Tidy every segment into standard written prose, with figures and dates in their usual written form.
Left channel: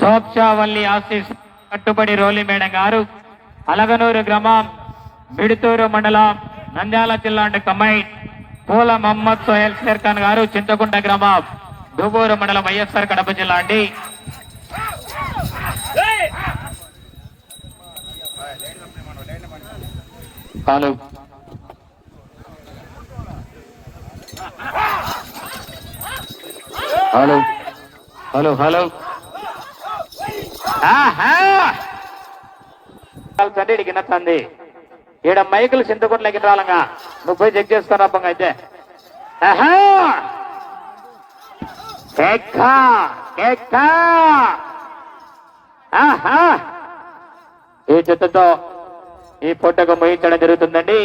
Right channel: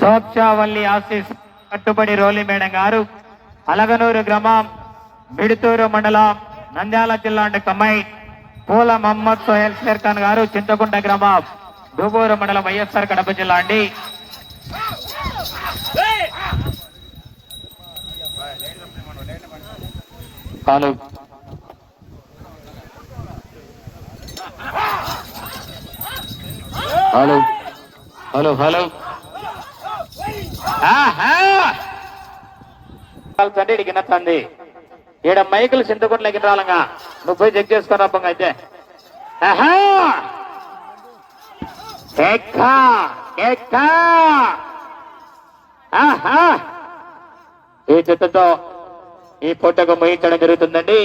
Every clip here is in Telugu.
సోక్షావల్లి ఆశీస్ కట్టుబడి రోలి మేడం గారు అలగనూరు గ్రామం మిడుతూరు మండలం నంద్యాల జిల్లా కమ్మై పూల మహమ్మద్ సోహెల్ షేర్ ఖాన్ గారు చింతకుంట గ్రామం దుబూరు మండలం వైఎస్ఆర్ కడప జిల్లా అండి. హలో హలో హలో హలో తండ్రి కింద తంది ఈడ మైకులు చింతకుంటలకి రాలంగా నువ్వు పోయి చెక్ చేసుకుని అబ్బంగా అయితే ఈ చెత్తతో ఈ పూటకు ముగించడం జరుగుతుందండి.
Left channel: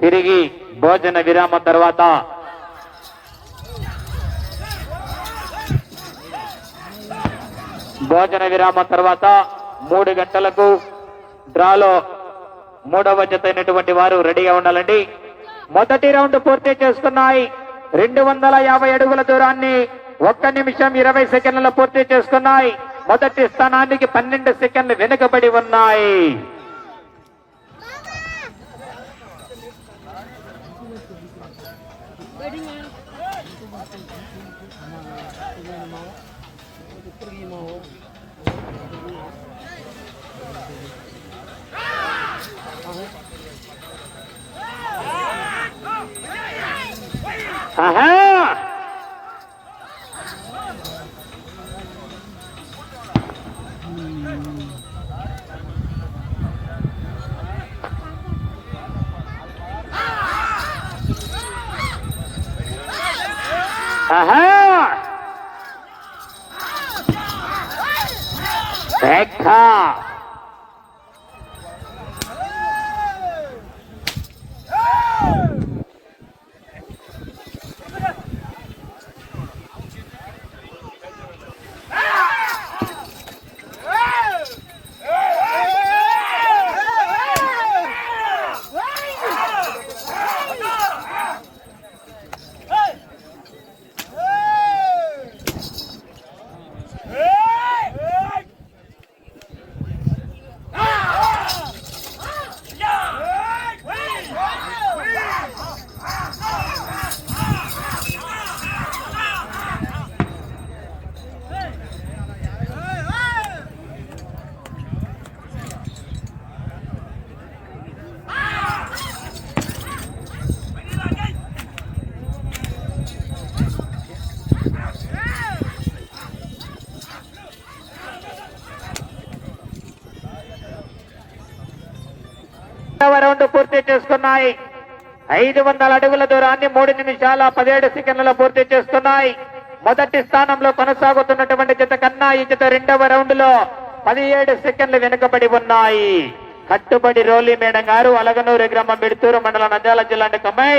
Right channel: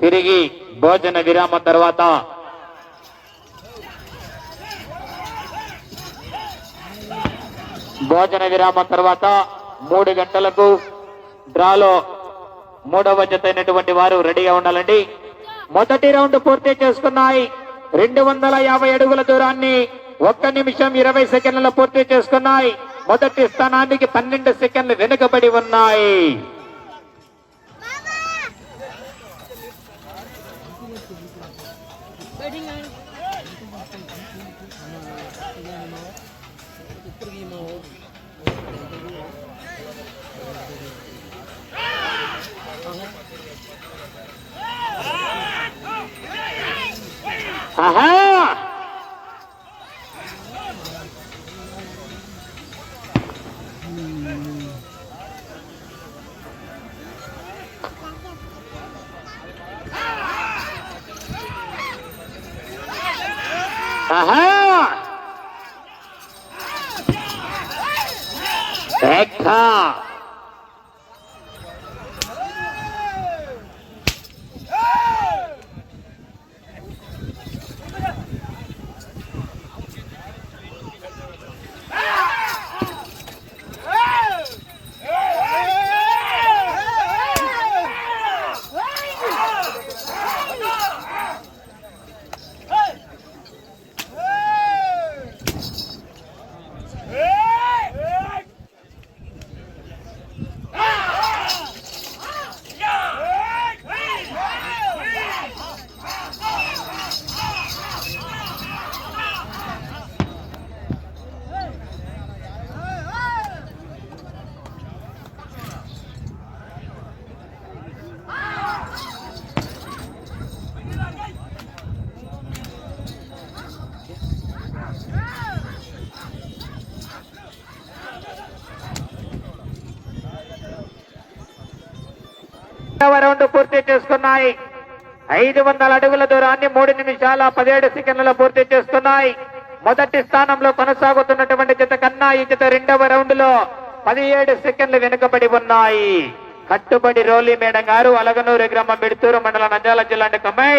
తిరిగి భోజన విరామం తర్వాత భోజన విరామం తర్వాత 3 గంటలకు డ్రాలో 3వ జత అయినటువంటి వారు రెడీగా ఉండాలండి. మొదటి రౌండ్ పూర్తి చేసుకున్నాయి. 250 అడుగుల దూరాన్ని 1 నిమిషం 20 సెకండ్లలో పూర్తి చేసుకున్నాయి. మొదటి స్థానానికి 12 సెకండ్లు వెనుకబడి ఉన్నాయి. రౌండ్ పూర్తి చేసుకున్నాయి. 500 అడుగుల దూరాన్ని 3 నిమిషాల 17 సెకండ్లలో పూర్తి చేసుకున్నాయి. మొదటి స్థానంలో కొనసాగుతున్నటువంటి జత కన్నా ఈ జత 2వ రౌండ్ లో 17 సెకండ్లు వెనుకబడి ఉన్నాయి. కట్టుబడి రోలి మేడం గారు అలగనూరు గ్రామం మిడుతూరు మండలం నంద్యాల జిల్లా కమ్మై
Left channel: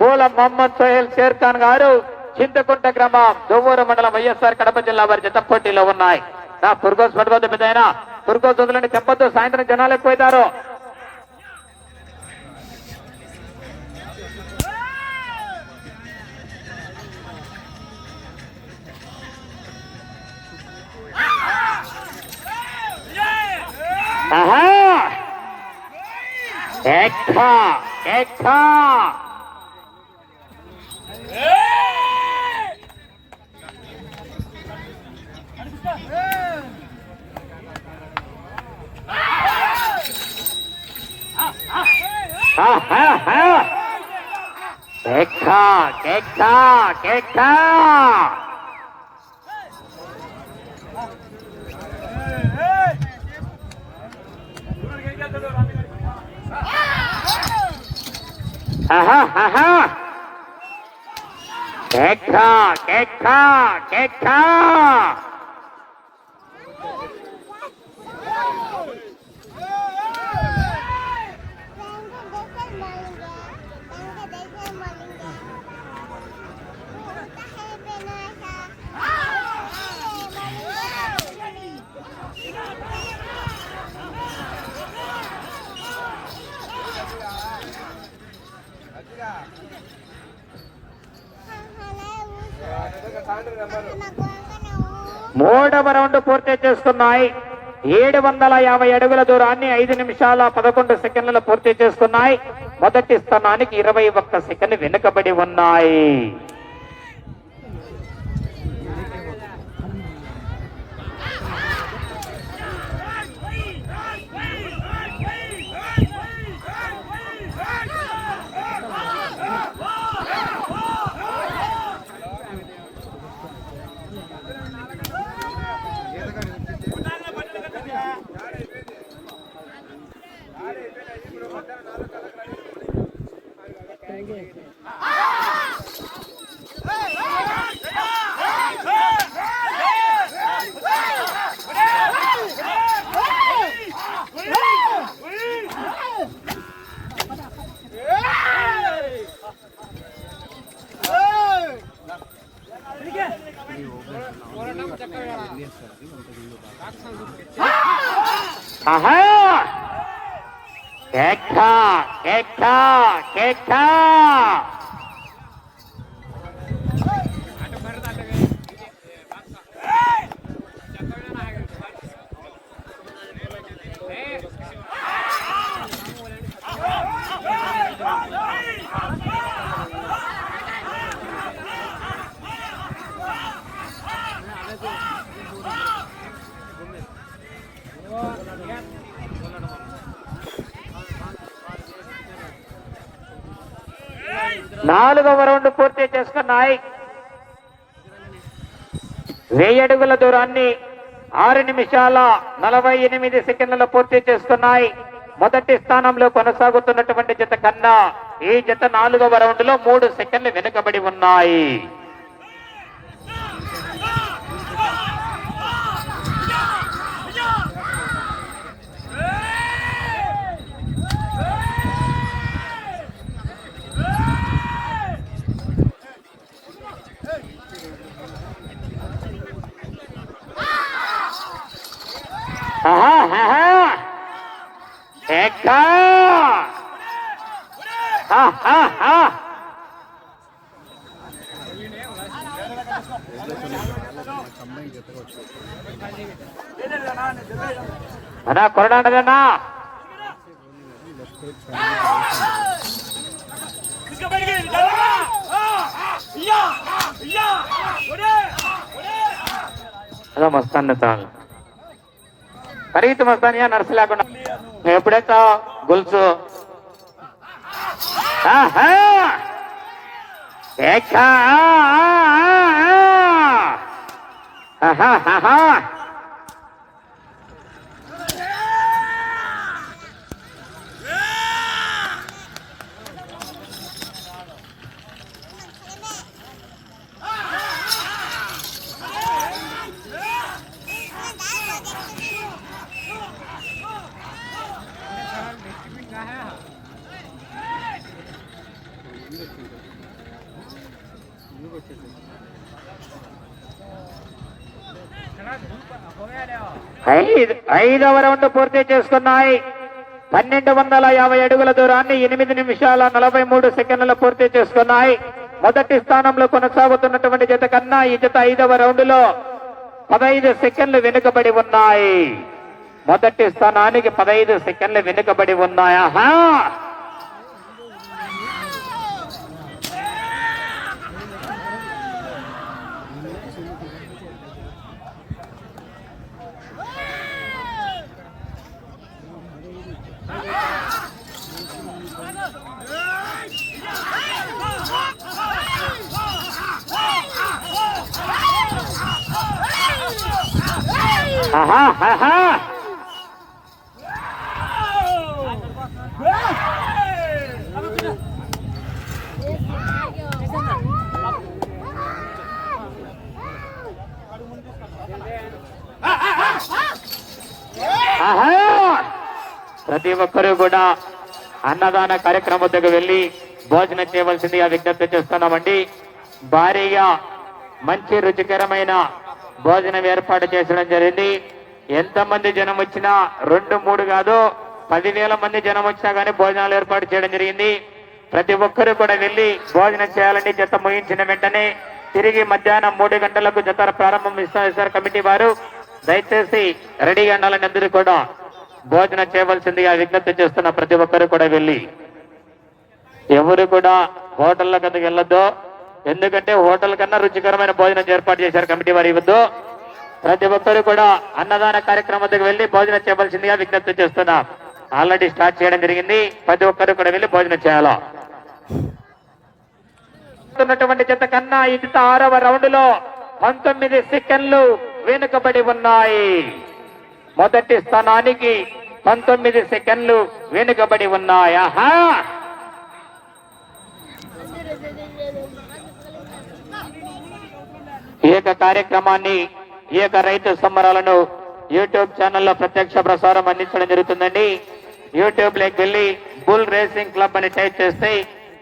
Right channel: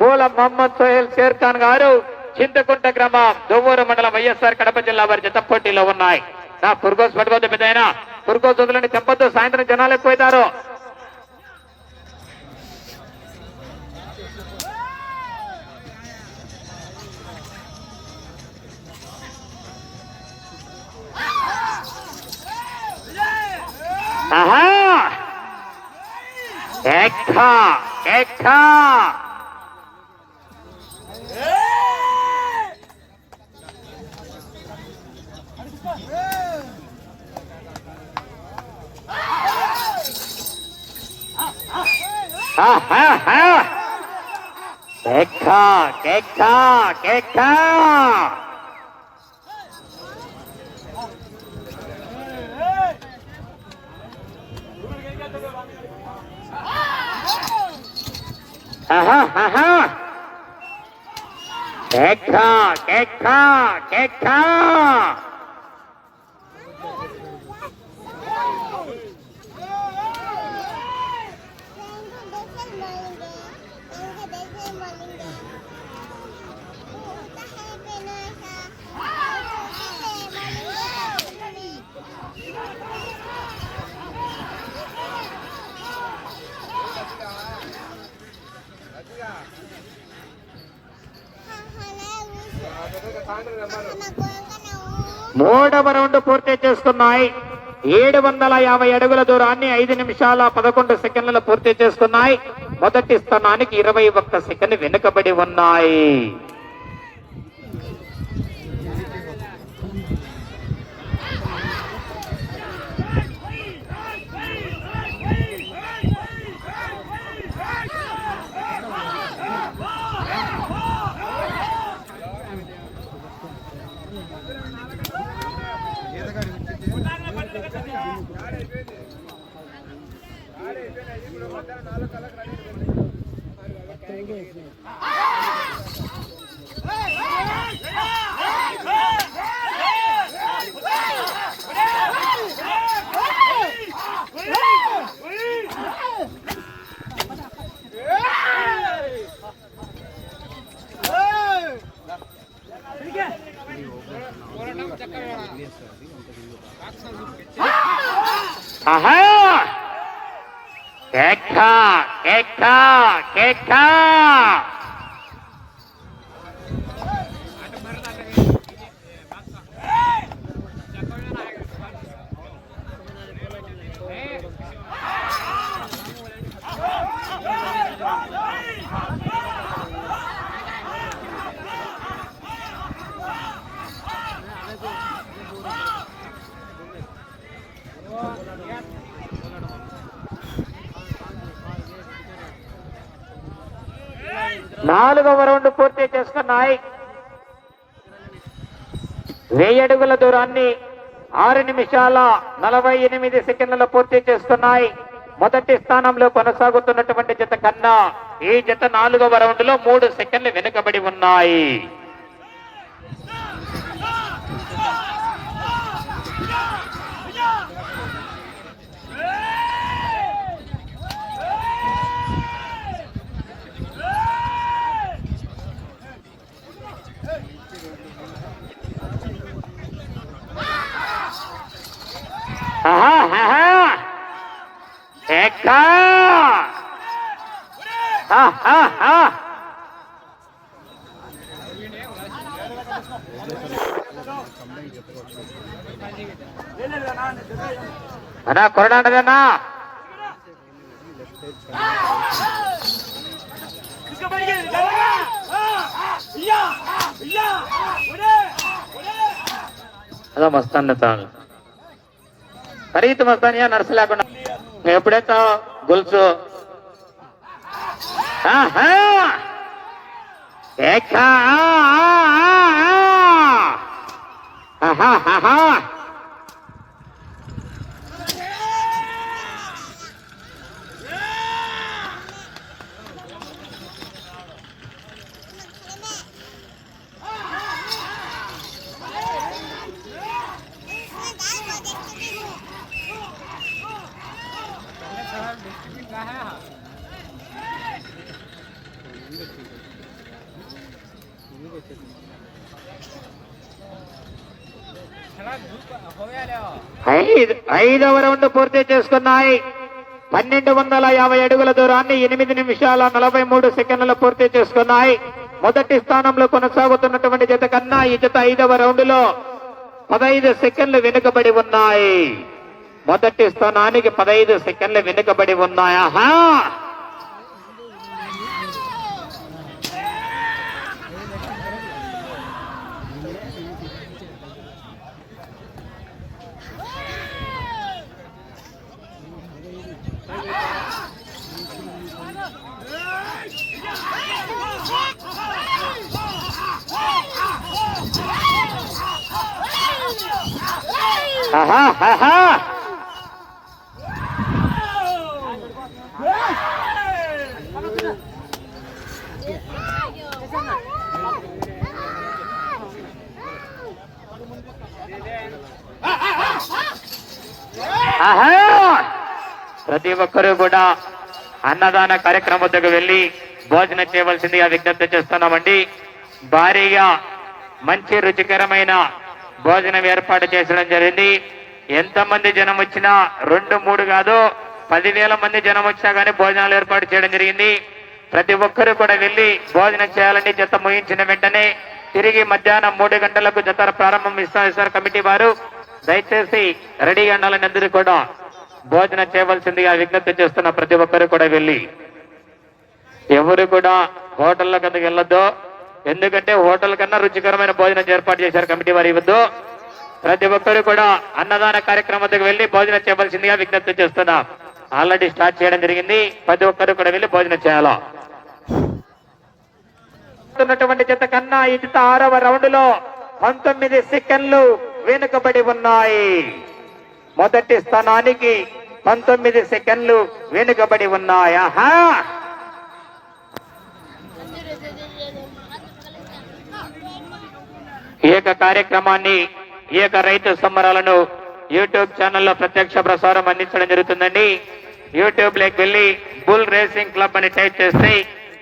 పూల మహమ్మద్ సోహెల్ షేర్ ఖాన్ గారు చింతకుంట గ్రామం దువ్వూరు మండలం వైఎస్ఆర్ కడప జిల్లా వారి జత పోటీలో ఉన్నాయి. నా పురుగోస్ పట్టుకోవద్దు పెద్ద పురుగోస్ వదులని చెప్పొద్దు, సాయంత్రం జనాలు ఎక్కువైతారు. మూడవ రౌండ్ పూర్తి చేసుకున్నాయి. 750 అడుగుల దూరాన్ని 5 నిమిషాల 11 సెకండ్లలో పూర్తి చేసుకున్నాయి. మొదటి స్థానానికి 21 సెకండ్ వెనుకబడి ఉన్నాయి. నాలుగవ రౌండ్ పూర్తి చేసుకున్నాయి. 1000 అడుగుల దూరాన్ని 6 నిమిషాల 48 సెకండ్లలో పూర్తి చేసుకున్నాయి. మొదటి స్థానంలో కొనసాగుతున్నటువంటి జత కన్నా ఈ జత 4వ రౌండ్ లో 3 సెకండ్లు వెనుకబడి ఉన్నాయి. అన్నా కొరడాడదన్నా అదో మస్తాన్ ఖరీదు మస్తానియా నర్సు లేకుండా ఎప్పుడైతే గొలుసు ఐదవ రౌండ్ పూర్తి చేసుకున్నాయి. 1250 అడుగుల దూరాన్ని 8 నిమిషాల 43 సెకండ్లు పూర్తి చేసుకున్నాయి. మొదటి స్థానంలో కొనసాగుతున్నటువంటి జత కన్నా ఈ జత 5వ రౌండ్ లో 15 సెకండ్లు వెనుకబడి ఉన్నాయి. మొదటి స్థానానికి 15 సెకండ్లు వెనుకబడి ఉన్నాయా? ప్రతి ఒక్కరూ కూడా అన్నదాన కార్యక్రమం వద్దకు వెళ్లి భోజనం చేయవలసిందిగా విజ్ఞప్తి చేస్తున్నామండి. భారీగా మంచి రుచికరమైన భోజనం ఏర్పాటు చేసడం జరిగింది. ఎంతమంది జనం వచ్చినా 2-3 కాదు 10,000 మంది జనం వచ్చినా కానీ భోజనాలు ఏర్పాటు చేయడం జరిగింది. ప్రతి ఒక్కరూ కూడా వెళ్లి భోజనం చేయాలని జత ముగించిన వెంటనే తిరిగి మధ్యాహ్నం 3 గంటలకు జత ప్రారంభం ఇస్తారు కమిటీ వారు. దయచేసి రెడీ ఉండాలని అందరూ కూడా భోజనం చేయవలసిందిగా విజ్ఞప్తి చేస్తున్న ప్రతి ఒక్కరు కూడా వెళ్ళి ఎవరు కూడా హోటళ్ల కిందకి వెళ్ళొద్దు. ఎందుకంటే హోటల్ కన్నా రుచికరమైన భోజనం ఏర్పాటు చేశారు కమిటీ వారు ఇవ్వద్దు. ప్రతి ఒక్కరు కూడా అన్నదాన కార్యక్రమానికి వెళ్లి భోజనం చేయవలసిందిగా విజ్ఞప్తి చేస్తున్నాం. ఆల్రెడీ స్టార్ట్ చేయడం జరిగింది. ప్రతి ఒక్కరు కూడా వెళ్లి భోజనం చేయాలా. జత కన్నా ఈ జత 6వ రౌండ్ లో 19 సెకండ్లు వెనుకబడి ఉన్నాయి. మొదటి స్థానానికి 19 సెకండ్లు వెనుకబడి ఉన్నాయి. ఆహా, ఈ యొక్క కార్యక్రమాన్ని ఈ యొక్క రైతు సంబరాలను యూట్యూబ్ ఛానల్లో ప్రత్యక్ష ప్రసారం అందించడం జరుగుతుందండి. యూట్యూబ్ లోకి వెళ్లి బుల్ రేసింగ్ క్లబ్ అని టైప్ చేస్తే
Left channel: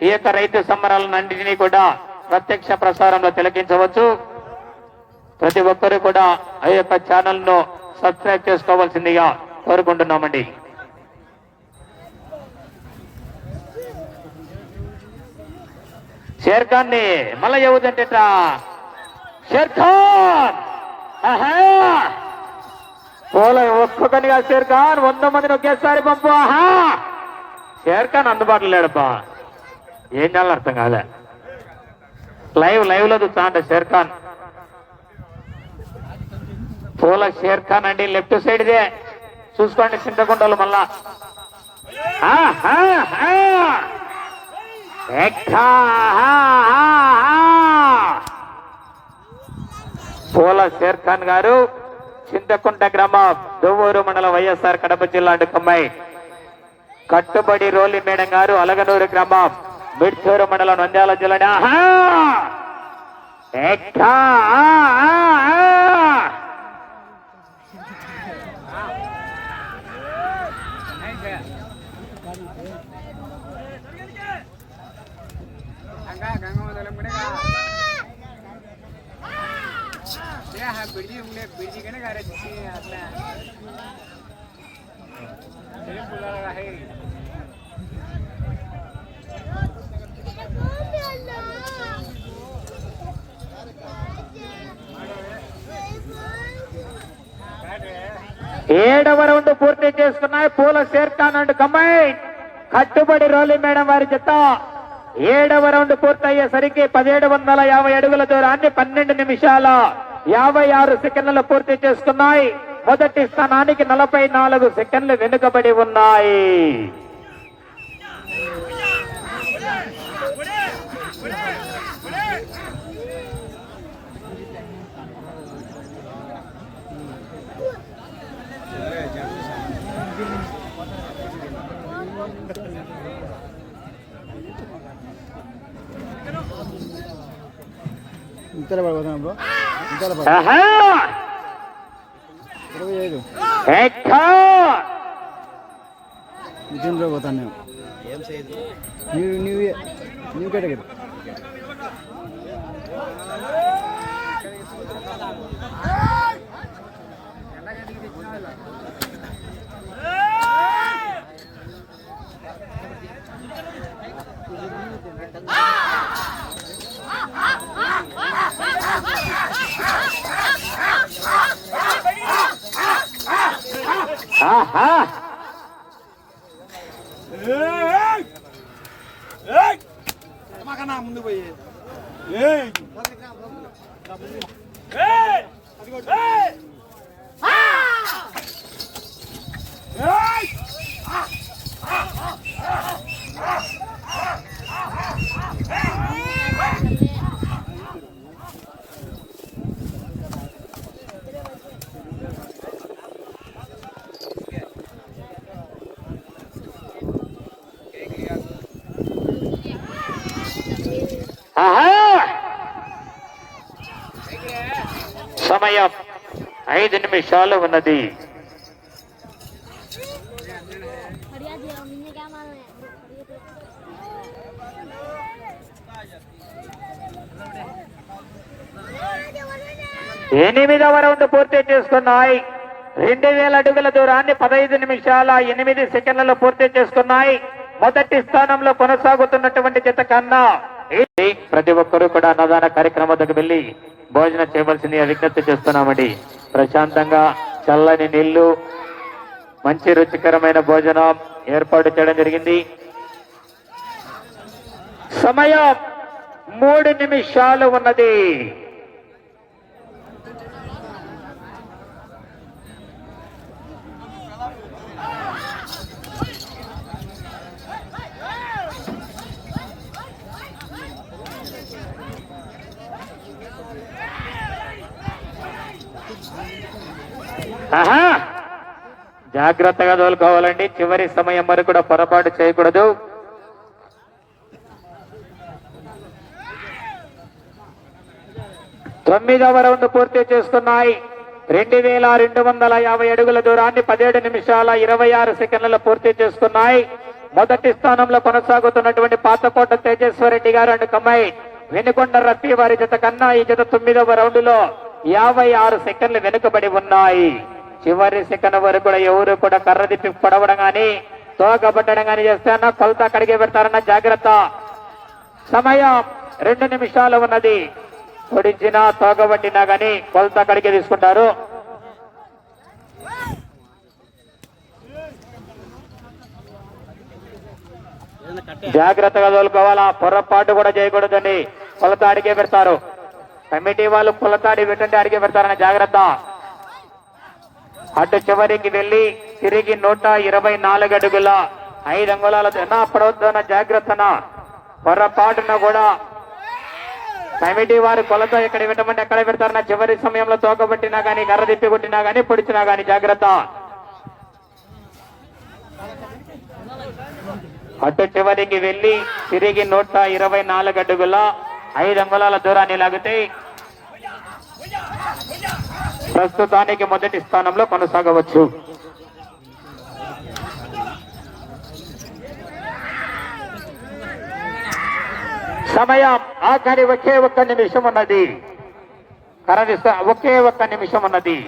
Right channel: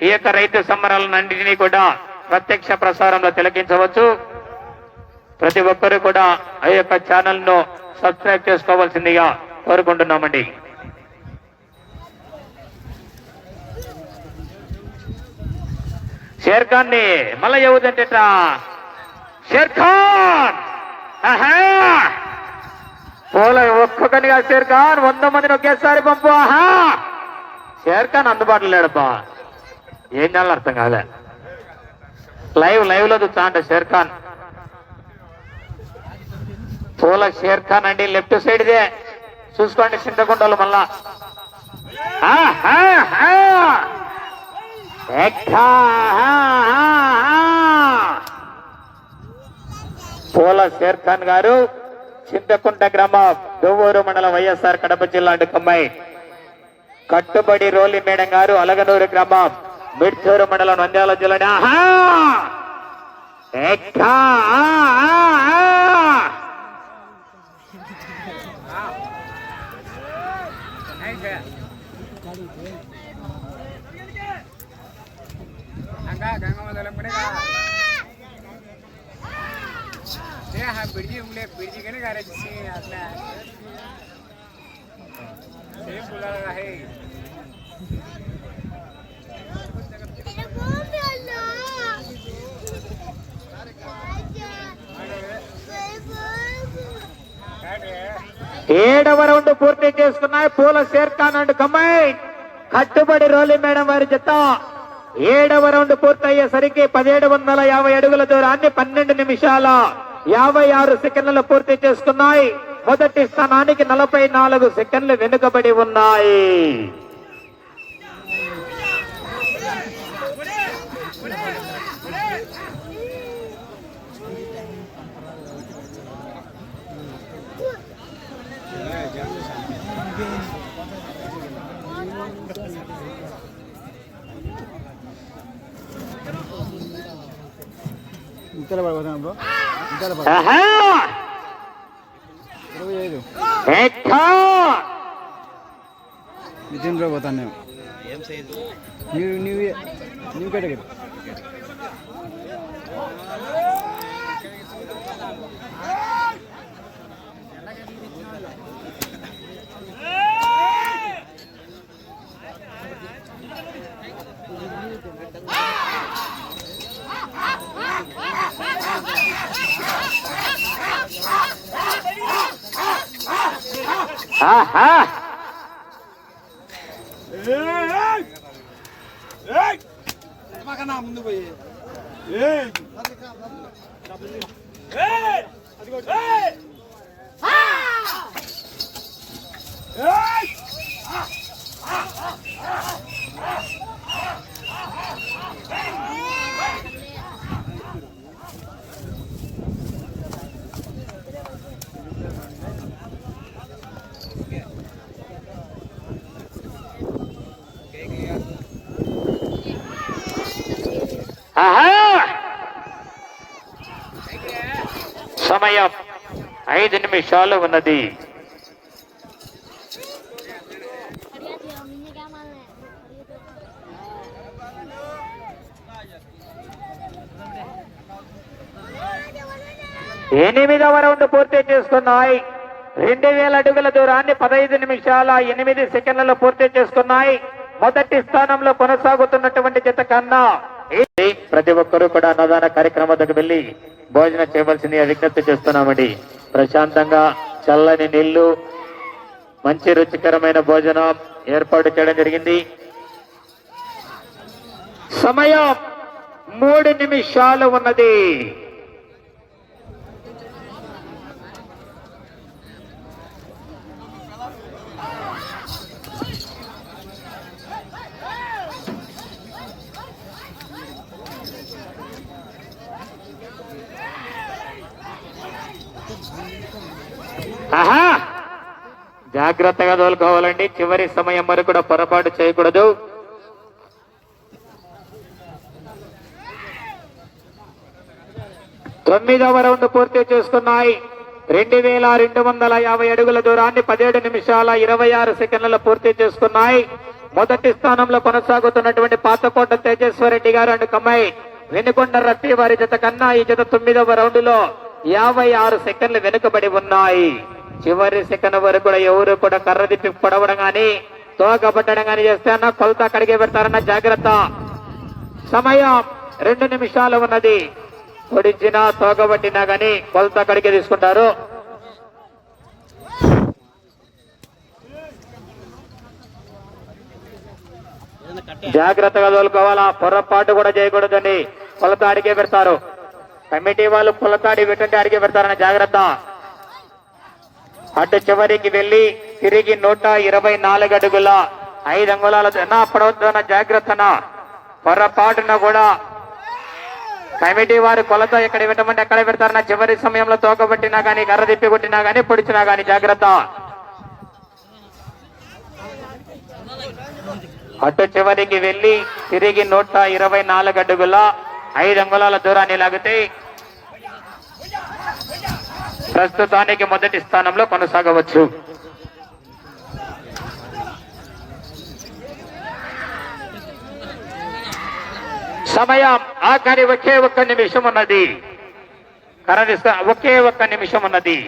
ఈ యొక్క రైతు సంబరాలను అన్నింటినీ కూడా ప్రత్యక్ష ప్రసారంలో తిలకించవచ్చు. ప్రతి ఒక్కరు కూడా ఆ యొక్క ఛానల్ ను సబ్స్క్రైబ్ చేసుకోవాల్సిందిగా కోరుకుంటున్నామండి. షేర్ ఖాన్ ని మళ్ళా ఏవుదంటే షేర్ ఖాన్ పోల ఒక్కొక్కనిగా షేర్ ఖాన్ 100 మందిని ఒకేసారి పంపు. ఆహా, షేర్ ఖాన్ అందుబాటులో లేడబ్బా. ఏం చేయాలని అర్థం కాలే. లైవ్ లో చూస్తా అంటే షేర్ ఖాన్ పోల షేర్ ఖాన్ అండి. లెఫ్ట్ సైడ్ ఇదే చూసుకోండి చింతకుంటలు మళ్ళా. పోల షేర్ ఖాన్ గారు చింతకుంట గ్రామం దువ్వూరు మండలం వైఎస్ఆర్ కడప జిల్లా కమ్మాయి. కట్టుబడి రోలి మేడం గారు అలగనూరు గ్రామం మిడ్చూరు మండలం నంద్యాల జిల్లా. बिर्जी के ना है ఏడవ రౌండ్ పూర్తి చేసుకున్నాయి పూల షేర్ ఖాన్ అండ్ కమ్మాయి. కట్టుబడి రోలి మేడం వారి జత 7వ రౌండ్ పూర్తయ్యేసరికి 1750 అడుగుల దూరాన్ని 12 నిమిషాల 56 సెకండ్లు పూర్తి చేసుకున్నాయి. మొదటి స్థానానికి 44 సెకండ్లు వెనుకబడి ఉన్నాయి. ఇంతలో పడిపోతాం బ్రో. ఇంతలో 25 నితిన్ బ్రో పోతాను నేను. ఏం సైజు న్యూ కేటగిరీ. ముందు పోయి సమయం 5 నిమిషాలు ఉన్నది. ఎనిమిదవ రౌండ్ పూర్తి చేసుకున్నాయి. 2000 అడుగుల దూరాన్ని 15 నిమిషాల 8 సెకండ్లలో పూర్తి చేసుకున్నాయి. మొదటి స్థానంలో కొనసాగుతున్నటువంటి జత కన్నా ప్రతి ఒక్కరూ కూడా అన్నదాన కార్యక్రమం వద్దకు వెళ్లి భోజనం చేయవలసింది విజ్ఞప్తి చేస్తున్నామండి. ప్రశాంతంగా చల్లని నీళ్లు, మంచి రుచికరమైన భోజనం ఏర్పాటు చేయడం జరిగింది. సమయం 3 నిమిషాలు ఉన్నది. జాగ్రత్తగా తోలుకోవాలండి. చివరి సమయం వరకు కూడా పొరపాటు చేయకూడదు. తొమ్మిదవ రౌండ్ పూర్తి చేసుకున్నాయి. 2250 అడుగుల దూరాన్ని 17 నిమిషాల 26 సెకండ్లలో పూర్తి చేసుకున్నాయి. మొదటి స్థానంలో కొనసాగుతున్నటువంటి పాతకోట తేజేశ్వరరెడ్డి గారు అండ్ కమ్మాయి వెనుకొండ రత్తి వారి జత కన్నా ఈ జత 9వ రౌండ్ లో 56 సెకండ్లు వెనుకబడి ఉన్నాయి. చివరి సెకండ్ వరకు కూడా ఎవరు కూడా కర్ర తిప్పి పడవడం గాని తోకబట్టడం గాని చేస్తే అన్న కొలత కడిగి పెడతారన్న జాగ్రత్త. సమయం 2 నిమిషాలు ఉన్నది. పొడిచినా తోకబట్టినా గాని కొలత కడిగి తీసుకుంటారు. జాగ్రత్తగా తోలుకోవాలా, పొరపాటు కూడా చేయకూడదని కొలత అడిగే పెడతారు. కమిటీ వాళ్ళు కొలత అడిగి పెట్టండి, అడిగి పెడతారన్న జాగ్రత్త. అటు చివరికి వెళ్లి తిరిగి 124 అడుగుల 5 అంగుళాల పడవద్దన్న జాగ్రత్తన. పొరపాటున కూడా కమిటీ వారి కొలత ఎక్కడ పెట్టమంటే ఎక్కడ పెడతారన్న. చివరి సమయంలో తోకబట్టినా గానీ కర్ర తిప్పి కొట్టినా గానీ పొడిచినా గానీ జాగ్రత్త. అటు చివరికి వెళ్లి తిరిగి 124 అడుగుల 5 అంగుళాల దూరాన్ని లాగితే ప్రస్తుతానికి మొదటి స్థానంలో కొనసాగవచ్చు. సమయం ఆఖరి ఒకే 1 నిమిషం ఉన్నది. ఒకే 1 నిమిషం ఉన్నది.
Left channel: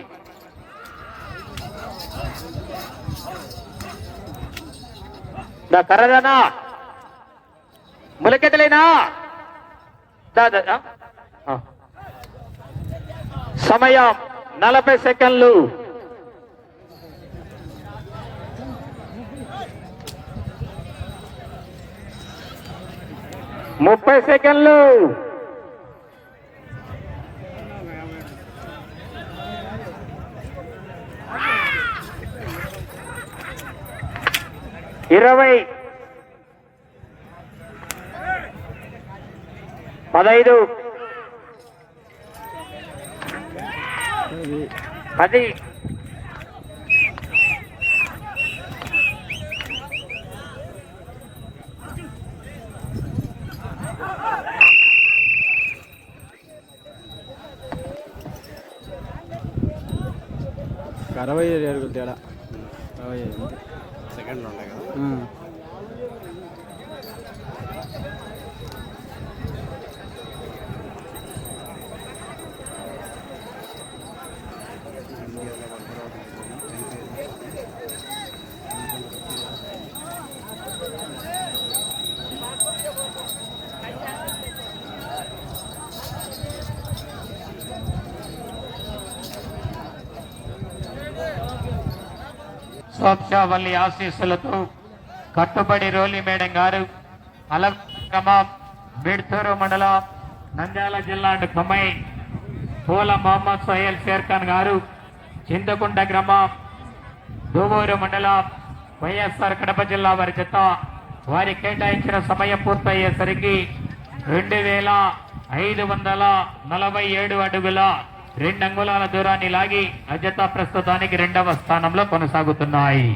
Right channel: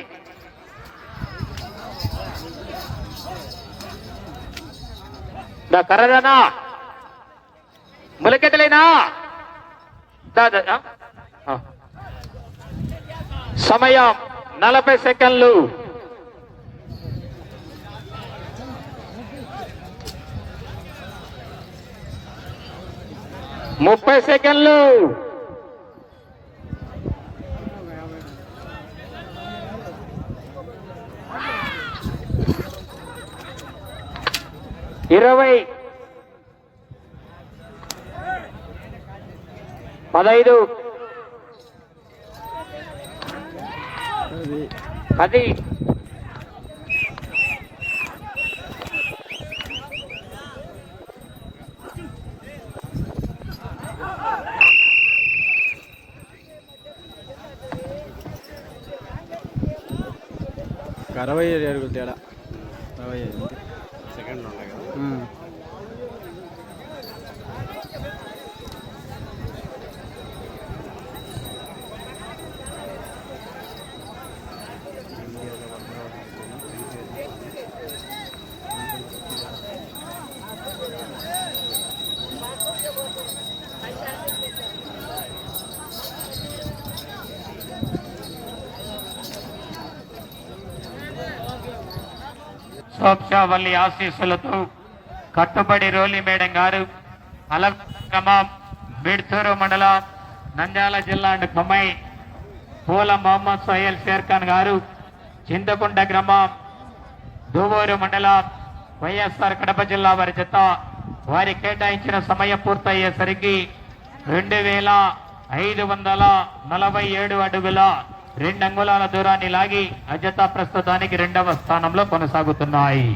కర్రదనా ములకెతలేనా సమయం 40 సెకండ్లు. ముప్పై సెకండ్లు. ఇరవై 15 10 65 అడుగులు తేడా. 65 సెకండ్. సోత్సావల్లి ఆశీస్సులతో కట్టుబడి రోలి మేడం గారు అలగ్రామం బిడ్తూరు మండలం నంద్యాల జిల్లా అండ్ కొమ్మాయి పూల మొహమ్మద్ సోహెల్ షేర్ఖాన్ గారు చింతకుంట గ్రామం దూవూరు మండలం వైఎస్ఆర్ కడప జిల్లా వారి జత వారి కేటాయించిన సమయం పూర్తయ్యేసరికి 2547 అడుగుల 2 అంగుళాల దూరాన్ని లాగి అజత ప్రస్తుతానికి 2వ స్థానంలో కొనసాగుతున్నాయి.